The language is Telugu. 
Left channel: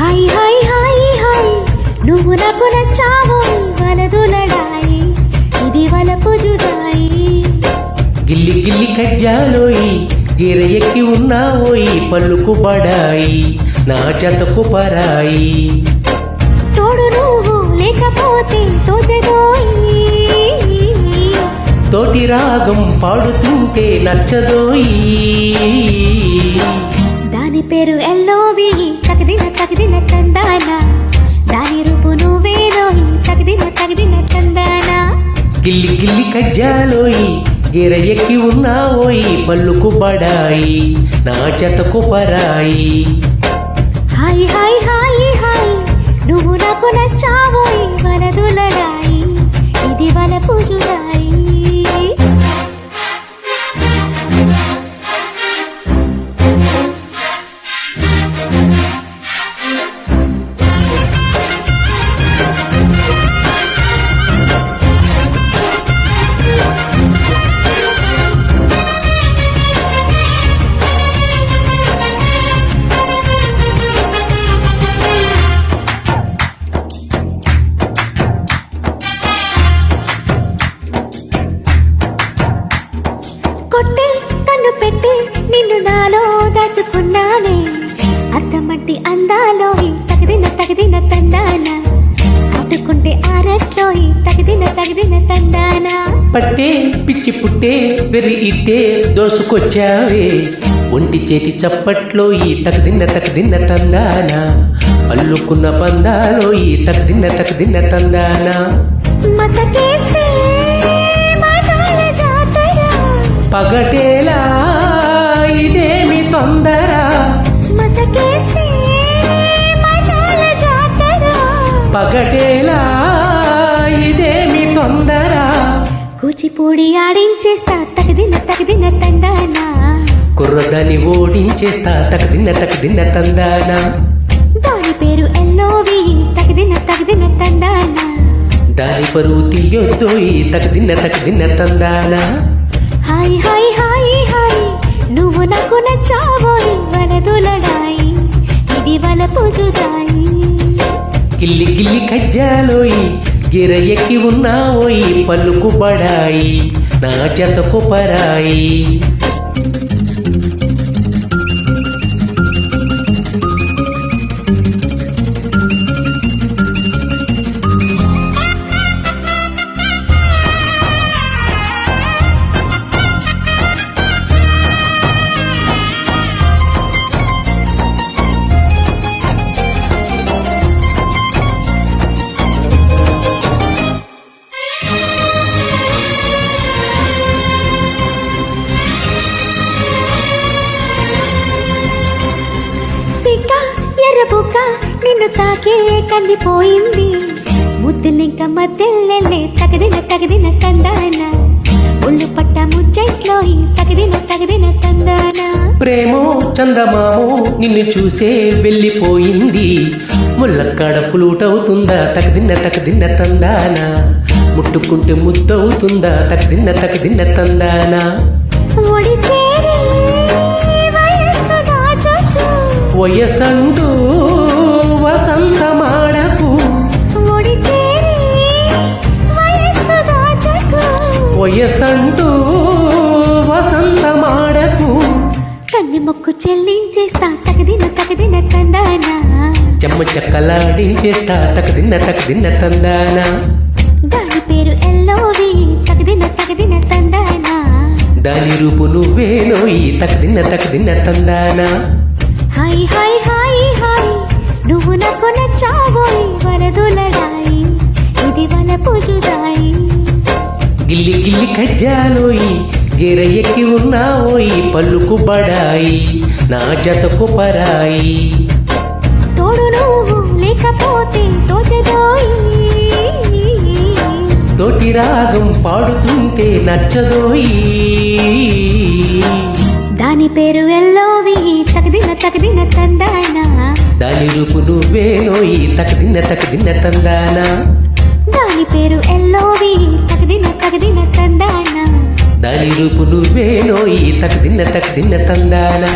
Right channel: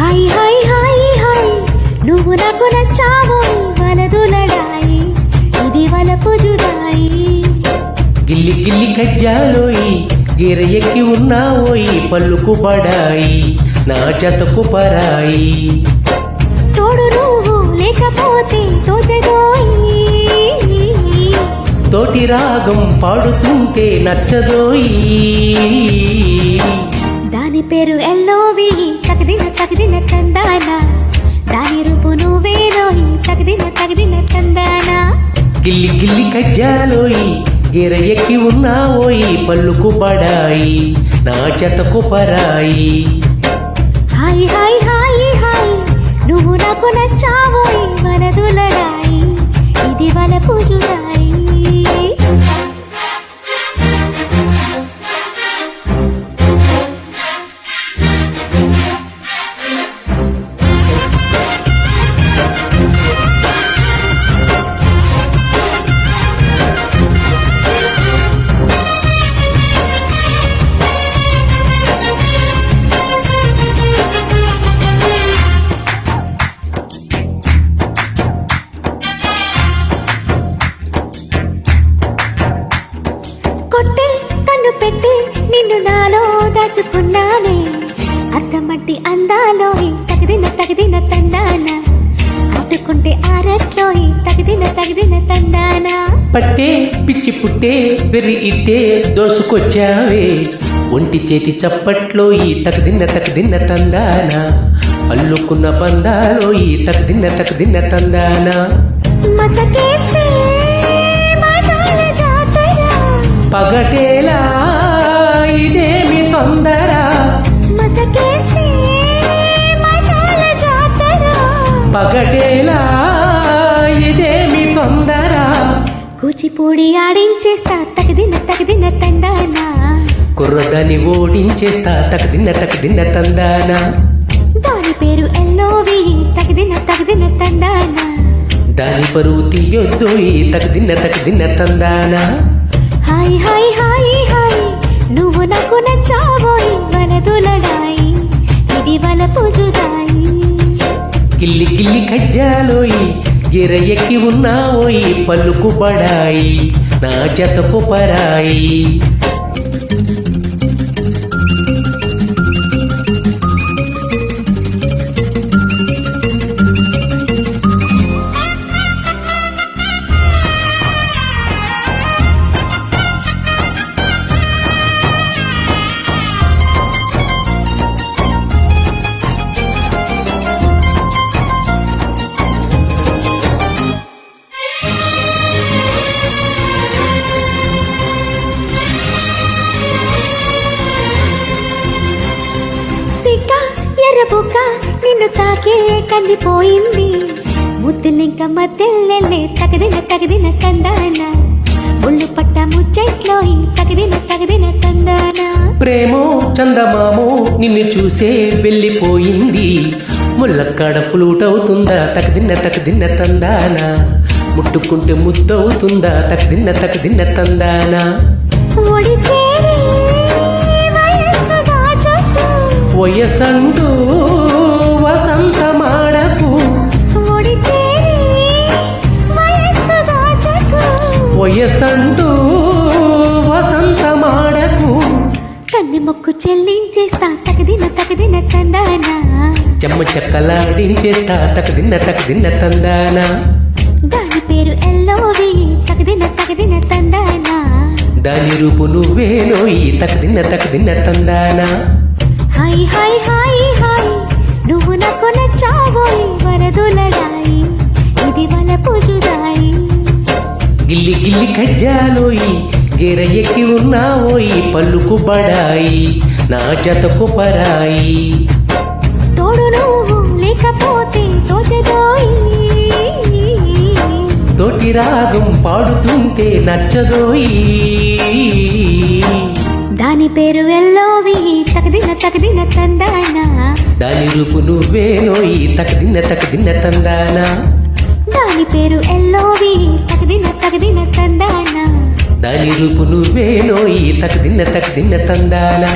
హాయ్ హాయ్ హాయ్ హాయ్ నువ్వు నాకు నచ్చావోయ్ వలదులడాయి ఇది వలపు జుదాయి. గిల్లి గిల్లి కజ్జాలోయి గిర ఎక్కి ఉన్నావోయి పళ్ళుకు బడాయి నా జతకు పరాయి. తోడు నువ్వు లేకపోతే తోచదోయి తోటి రాగం పాడుతుంటే నచ్చదోయి. దాని పేరు ఎల్లోవి తగదిన తందానా దాని రూపు నువ్వేనోయి తగదిన తందానా. గిల్లి గిల్లి కజ్జాలోయి గిర ఎక్కి ఉన్నావోయి పళ్ళుకు బడాయి నా జతకు పరాయి. హాయ్ హాయ్ హాయ్ హాయ్ నువ్వు నాకు నచ్చావోయ్ వలదులడాయి ఇది వలపు జుదాయి. కొట్టే కన్ను పెట్టి నిన్ను నాలో దాచుకున్నానే అత్తమట్టి అందాలోయి తగదిన తందానా అట్టుకుంటే ఆరట్లోయి తగదిన తందానా. పట్టే పిచ్చి పుట్టే వెర్రి ఇట్టే దోసుకొచ్చావే ఒంటి చేతి చప్పట్లో ఈ తకదిన్న తందానా అల్లుకున్న బందాలో ఈ తకదిన్న తందానా. మసకేస్తే మాజాల జాతర పగటేలా ఇదేమి తొందర మసకేస్తే మాజాల జాతర పగటేలా ఇదేమి తొందర. కూచిపూడి ఆడించేస్తా తగదిన తందానా కుర్రదాన్ని ఓడించేస్తా తకదిన్న తందానా. దాని పేరు ఎల్లోవి తగదిన తందానా దాని పరువు తీయొద్దోయి తకదిన్న తందానా. హాయ్ హాయ్ హాయ్ హాయ్ నువ్వు నాకు నచ్చావోయ్ వలదులడాయి ఇది వలపు జుదాయి. గిల్లి గిల్లి కజ్జాలోయి గిర ఎక్కి ఉన్నావోయి పళ్ళుకు బడాయి నా జతకు పరాయి. సిక్క ఎర్రబుక్క నిన్ను తాకే కందిపోయింది ముద్దులింక మద్దెల్లెల్లే తగదిన తందానా ఒళ్ళు పట్ట ముచ్చట్లోయి తగదిన తందానా. ప్రేమో చందమామో నిన్ను చూసే వెళ్ళిపోయింది ముల్లక్కడ పులుటవుతుందా తకదిన్న తందానా ముట్టుకుంటే ముద్దవుతుందా తకదిన్న తందానా. ఒడి చేరి వయస్సు దాచకు వయసంటూ వసంతమాడకు ఒడి చేరి వయస్సు దాచకు వయసంటూ వసంతమాడకు. కన్ని మొక్కు చెల్లించేస్తా తగదిన తందానా చెమ్మ చెక్కలాడించేస్తా తకదిన్న తందానా. దాని పేరు ఎల్లోవి తగదిన తందానా దాని రూపు నువ్వేనోయి తకదిన్న తందానా. హాయ్ హాయ్ హాయ్ హాయ్ నువ్వు నాకు నచ్చావోయ్ వలదులడాయి ఇది వలపు జుదాయి. గిల్లి గిల్లి కజ్జాలోయి గిర ఎక్కి ఉన్నావోయి పళ్ళుకు బడాయి నా జతకు పరాయి. తోడు నువ్వు లేకపోతే తోచదోయి తోటి రాగం పాడుతుంటే నచ్చదోయి. దాని పేరు ఎల్లోవి తగదిన తందానా దాని రూపు నువ్వేనోయి తకదిన్న తందానా. దాని పేరు ఎల్లోవి తగదిన తందానా దాని రూపు నువ్వేనోయి తకదిన్న తందానా.